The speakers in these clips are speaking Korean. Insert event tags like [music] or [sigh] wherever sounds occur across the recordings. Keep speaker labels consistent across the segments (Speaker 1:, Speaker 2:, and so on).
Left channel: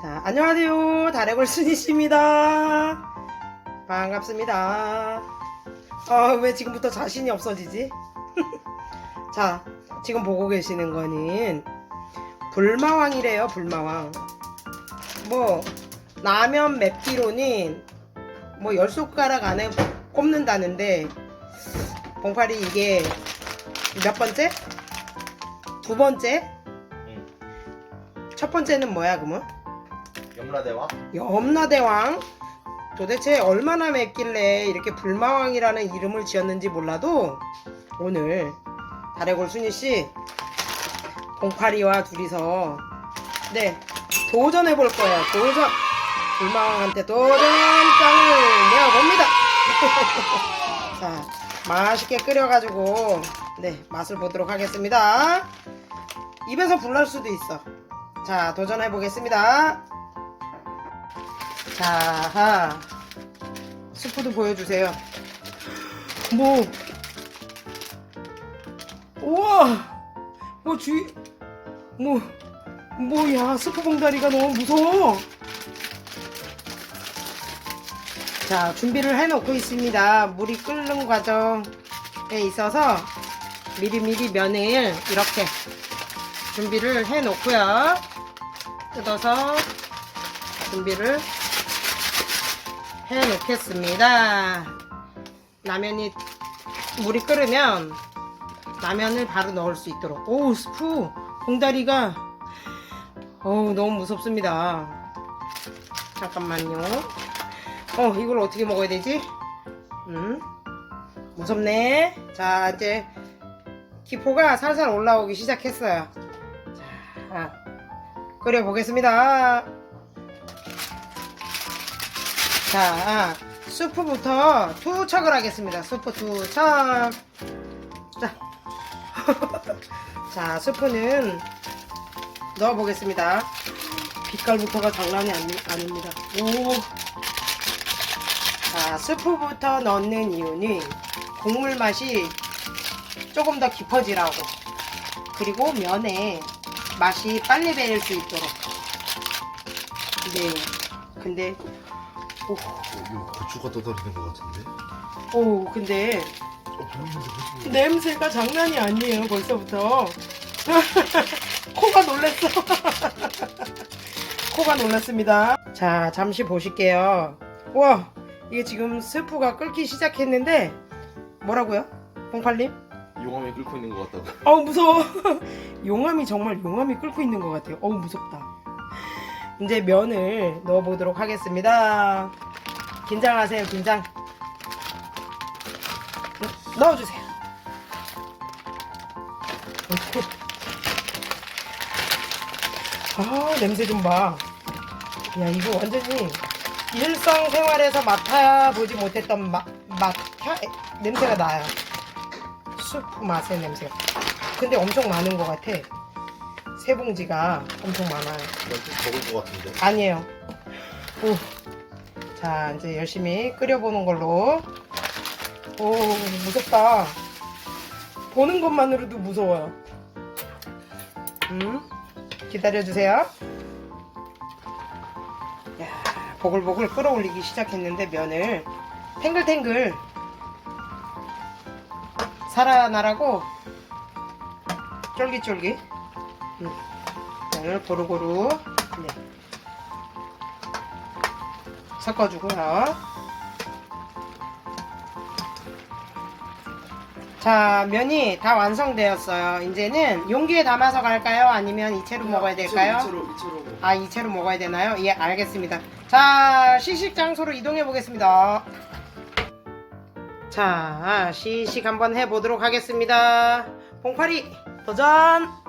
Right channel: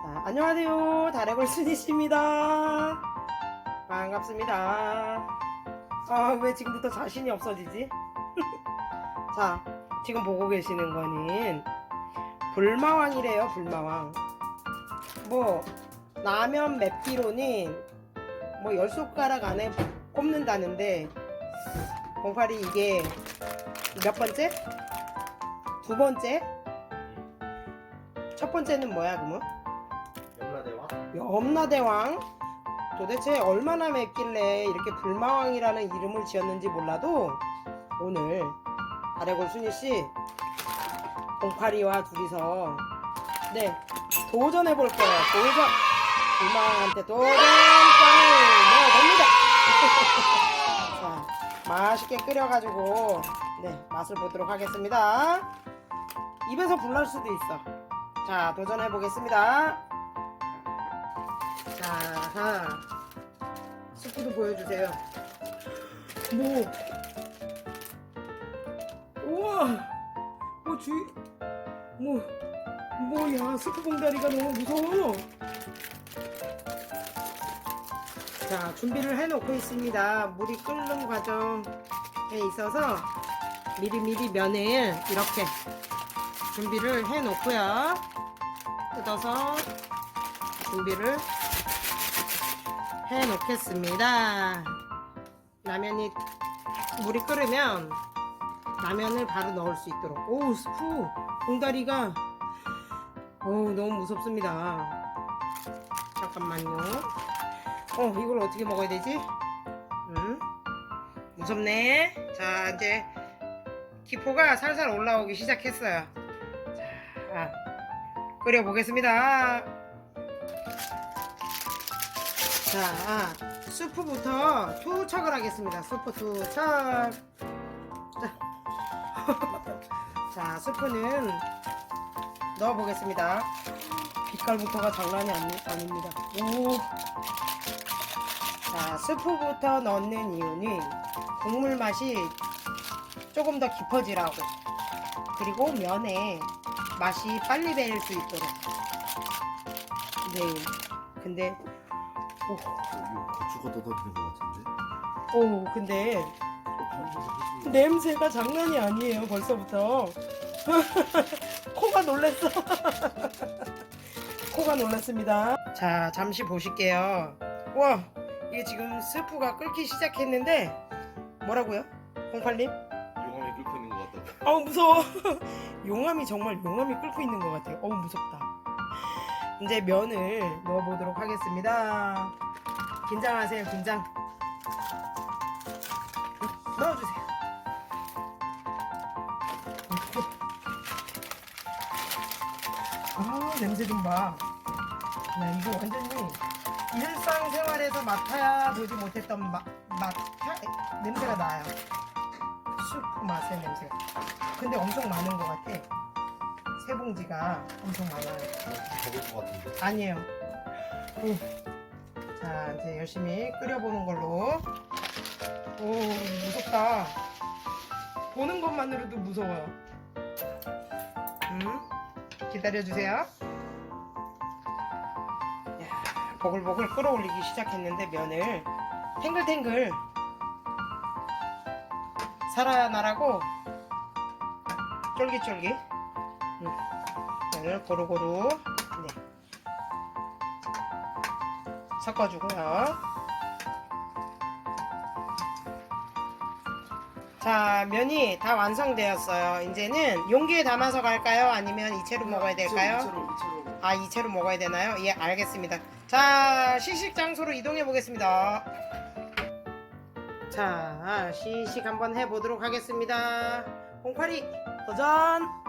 Speaker 1: 자, 안녕하세요. 다래골 순이씨입니다. 반갑습니다. 아, 왜 지금부터 자신이 없어지지? [laughs] 자, 지금 보고 계시는 거는 불마왕이래요, 불마왕. 뭐, 라면 맵기로는 뭐열 손가락 안에 꼽는다는데, 봉팔이 이게 몇 번째? 두 번째? 첫 번째는 뭐야, 그러면?
Speaker 2: 염라대왕?
Speaker 1: 염라대왕? 도대체 얼마나 맵길래 이렇게 불마왕이라는 이름을 지었는지 몰라도 오늘 다래골 순이씨 봉파리와 둘이서 네 도전해 볼 거예요. 도전! 불마왕한테 도전 장을 내어봅니다. [laughs] 자 맛있게 끓여가지고 네 맛을 보도록 하겠습니다. 입에서 불날 수도 있어. 자 도전해 보겠습니다 자, 스프도 보여주세요. 뭐, 우와, 뭐 주위, 뭐, 뭐야, 스프 봉다리가 너무 무서워. 자, 준비를 해놓고 있습니다. 물이 끓는 과정에 있어서 미리미리 면을 이렇게 준비를 해놓고요. 뜯어서 준비를 해 놓겠습니다. 라면이 물이 끓으면 라면을 바로 넣을 수 있도록. 오 스프 봉다리가 어우 너무 무섭습니다. 잠깐만요. 어 이걸 어떻게 먹어야 되지? 음 무섭네. 자 이제 기포가 살살 올라오기 시작했어요. 자 끓여 보겠습니다. 자, 수프부터 투척을 하겠습니다. 수프 투척. 자, [laughs] 자, 수프는 넣어보겠습니다. 빛깔부터가 장난이 아니, 아닙니다. 오. 자, 수프부터 넣는 이유는 국물 맛이 조금 더 깊어지라고. 그리고 면에 맛이 빨리 배일 수 있도록. 네. 근데 오,
Speaker 2: 이거 고추가 떠다니는 것 같은데?
Speaker 1: 오 근데
Speaker 2: 어, 보이는데 고추.
Speaker 1: 냄새가 장난이 아니에요 벌써부터 [laughs] 코가 놀랐어 [laughs] 코가 놀랐습니다 자 잠시 보실게요 와 이게 지금 스프가 끓기 시작했는데 뭐라고요? 봉팔님?
Speaker 2: 용암이 끓고 있는 것 같다고.
Speaker 1: 어우 무서워 [laughs] 용암이 정말 용암이 끓고 있는 것 같아요 어우 무섭다 이제 면을 넣어보도록 하겠습니다. 긴장하세요 긴장. 넣어주세요. 아 냄새 좀 봐. 야 이거 완전히 일상생활에서 맡아보지 못했던 맛, 맛 향, 냄새가 나요. 수프 맛의 냄새가 근데 엄청 많은 것 같아 세 봉지가 엄청 많아요.
Speaker 2: 적을 것 같은데.
Speaker 1: 아니에요. 오. 자 이제 열심히 끓여보는 걸로. 오 무섭다. 보는 것만으로도 무서워요. 음? 기다려주세요. 야 보글보글 끓어올리기 시작했는데 면을 탱글탱글 살아나라고 쫄깃쫄깃 음, 면을 고루고루 네. 섞어주고요. 자, 면이 다 완성되었어요. 이제는 용기에 담아서 갈까요? 아니면 이채로 먹어야 될까요?
Speaker 2: 이채로 이채로.
Speaker 1: 아, 이채로 먹어야 되나요? 예, 알겠습니다. 자, 시식 장소로 이동해 보겠습니다. 자, 시식 한번 해 보도록 하겠습니다. 봉파리 도전!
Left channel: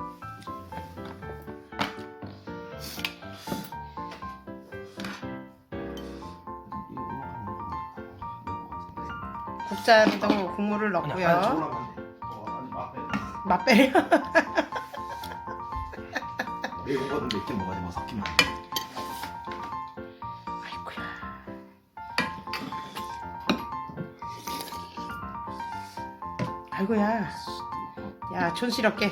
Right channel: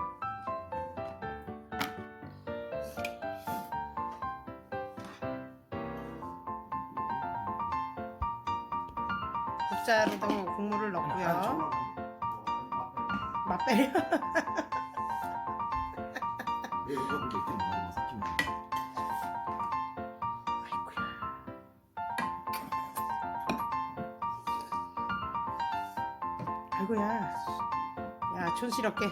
Speaker 1: 국자에다 국물을 넣고요. 맛배려.
Speaker 2: 매운 거를 몇개 먹어야 돼. 막 섞이면 안 돼.
Speaker 1: 아이고야. 야, 촌스럽게.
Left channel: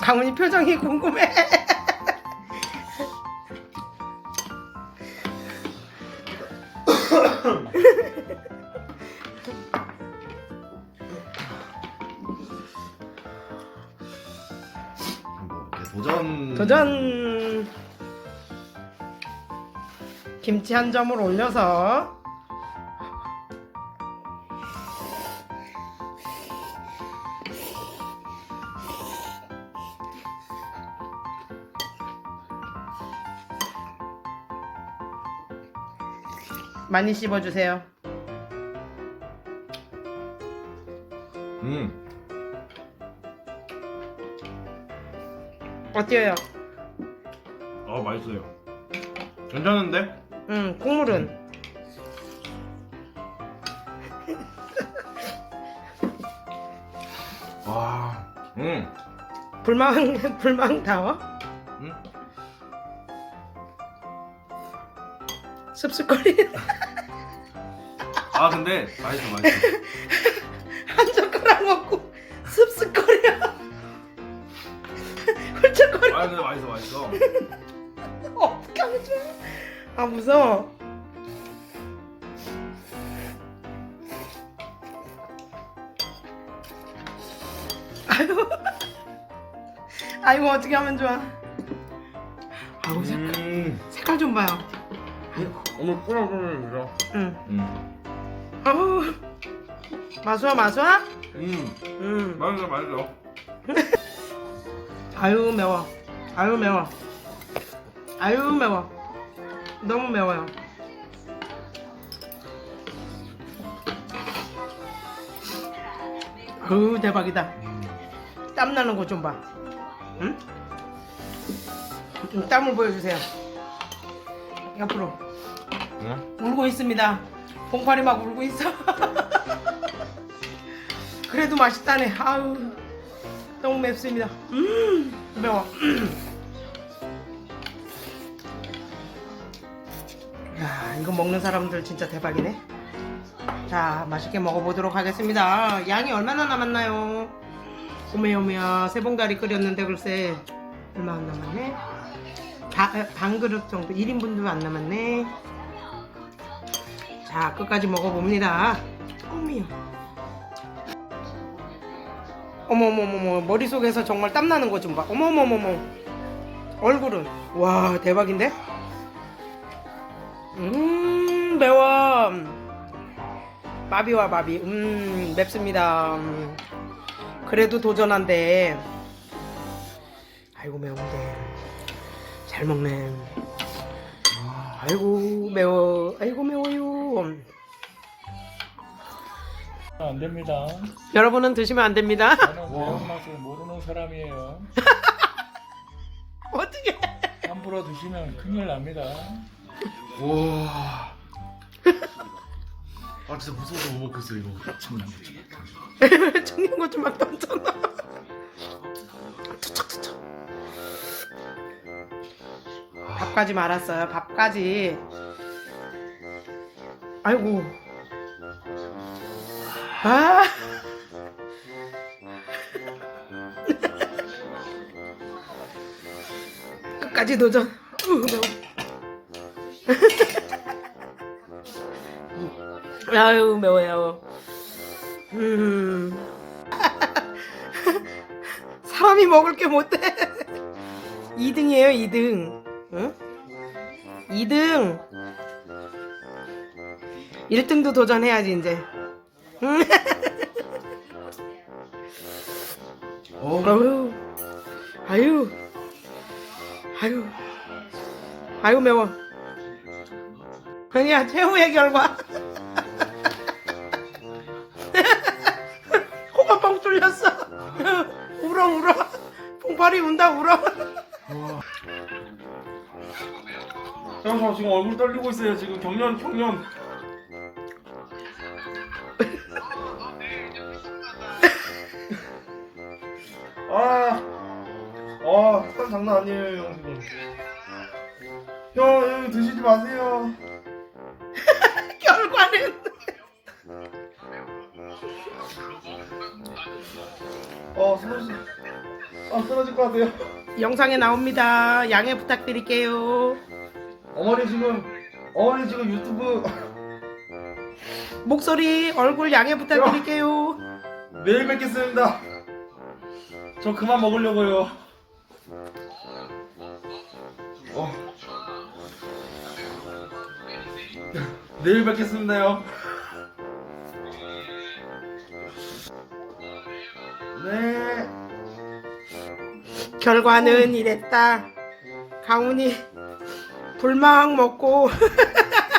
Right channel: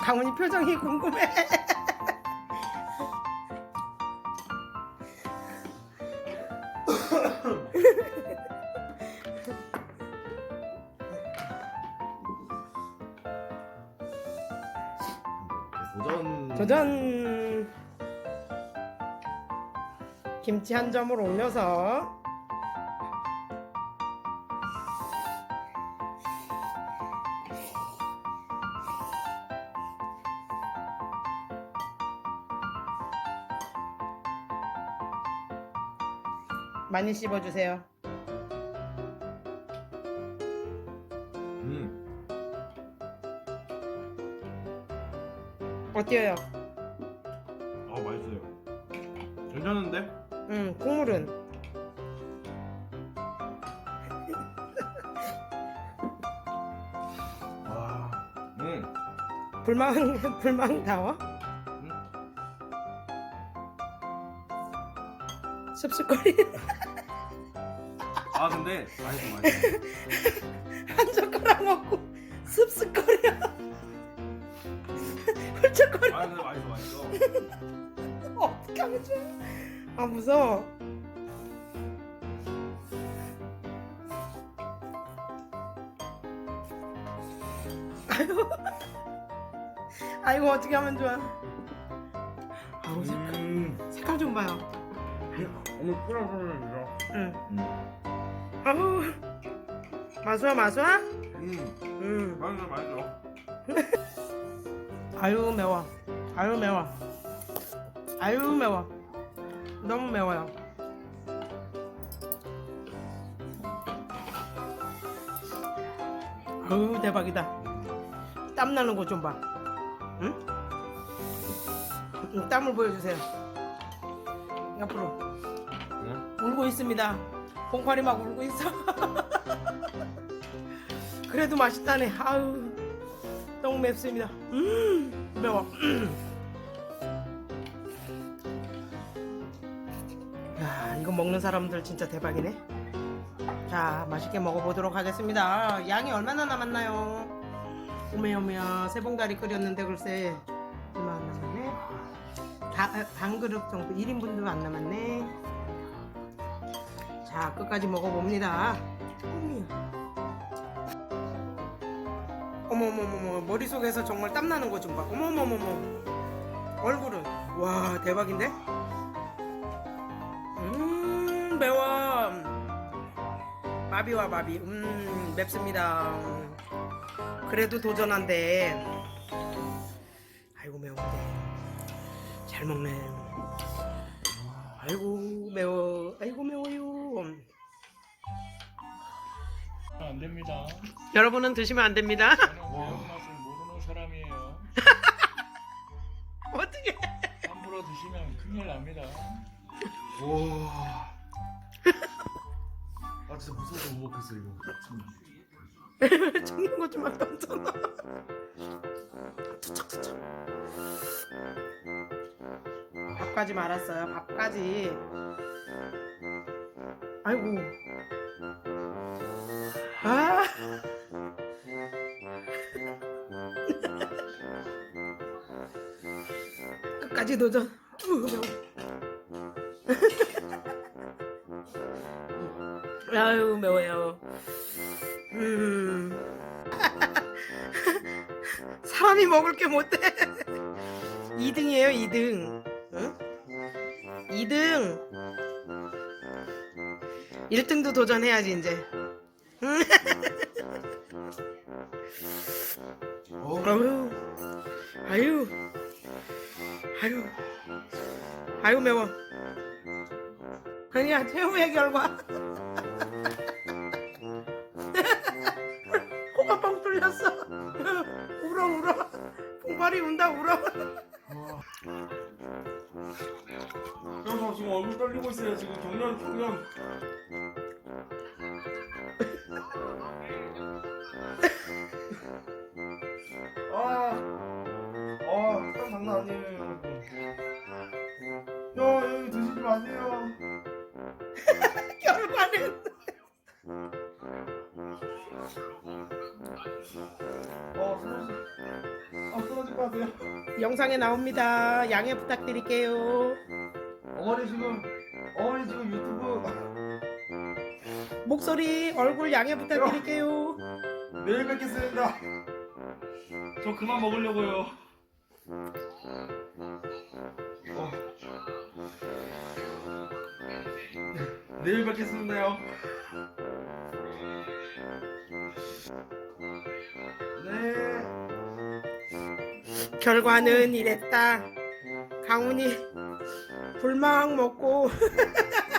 Speaker 1: 강훈이 표정이 궁금해.
Speaker 2: 도전.
Speaker 1: 도전. 김치 한 점을 올려서 많이 씹어주세요. 어때요?
Speaker 2: 아 맛있어요. 괜찮은데?
Speaker 1: 음, 국물은 [laughs]
Speaker 2: 와. 음.
Speaker 1: 불망 [laughs] 불망다워?
Speaker 2: 음.
Speaker 1: 씁쓸거리
Speaker 2: 아 근데 맛있어 맛있어. [laughs]
Speaker 1: 한 젓가락 먹고 씁쓸
Speaker 2: 아 근데 맛있어 맛있어. [laughs]
Speaker 1: 어떻게 하면 좋아 아 무서워. 아유 [laughs] 아이고 어떻게 하면 좋아? 아우 색,
Speaker 2: 음.
Speaker 1: 색깔 좀 봐요.
Speaker 2: 오늘 꿀꿀꿀
Speaker 1: 응.
Speaker 2: 음.
Speaker 1: 아우. 마수아 마수아?
Speaker 2: 음.
Speaker 1: 음
Speaker 2: 맛있어 맛있어.
Speaker 1: 아유 매워 아유 매워 아유 매워 너무 매워요 아유 대박이다 땀 나는 거 좀 봐. 응? 음, 땀을 보여주세요. 옆으로
Speaker 2: 응?
Speaker 1: 울고 있습니다. 봉파리 막 울고 있어. [laughs] 그래도 맛있다네. 아우 너무 맵습니다. 음 매워. 야 이거 먹는 사람들 진짜 대박이네. 자 맛있게 먹어보도록 하겠습니다. 양이 얼마나 남았나요? 오메오메야 세봉다리 끓였는데 글쎄 얼마 안 남았네. 바- 에, 반 그릇 정도 1인분도 안 남았네. 자 끝까지 먹어봅니다. 어미야. 어머머머머 머릿속에서 정말 땀나는 거 좀 봐. 어머머머머 얼굴은 와 대박인데? 음 매워. 마비와 마비 음 맵습니다. 음. 그래도 도전한데 아이고 매운데 잘 먹네 아이고 매워 아이고 매워요
Speaker 3: 안 됩니다.
Speaker 1: 여러분은 드시면 안 됩니다
Speaker 3: 저는 [laughs] 매운 맛을 모르는 사람이에요. [laughs]
Speaker 1: 어떻게
Speaker 3: 함부로 드시면 큰일 납니다.
Speaker 2: 와. 아 진짜 무서워서 못 먹겠어 이거. 참나.
Speaker 1: 챙긴 것좀 막 던져놔 밥까지 말았어요 밥까지 아이고 아. 끝까지 도전. 으, 매워 아유 매워요. 음. [laughs] 사람이 먹을 게 못돼 2등이에요 2등. 응? 2등. 1등도 도전해야지 이제. 아유 아유 아유 아유 매워. 아니야 최후의 결과. [laughs] 코가 뻥 뚫렸어. 울어 울어. 봉팔이 운다 울어.
Speaker 2: 형, 저 지금 얼굴 떨리고 있어요. 지금 경련, 경련. 아, 아, 땀 장난 아니에요, 형 지금. 형, 형 드시지 마세요. [laughs]
Speaker 1: 결과는
Speaker 2: 어, 손아 쓰러질 것 같아요.
Speaker 1: 영상에 나옵니다. 양해 부탁드릴게요.
Speaker 2: 어머니 지금 어머니 지금 유튜브
Speaker 1: 목소리, 얼굴 양해 부탁드릴게요.
Speaker 2: 내일 뵙겠습니다. 저 그만 먹으려고요. 어. 내일 뵙겠습니다요. 네.
Speaker 1: 결과는 이랬다. 강훈이 불망 먹고 [laughs]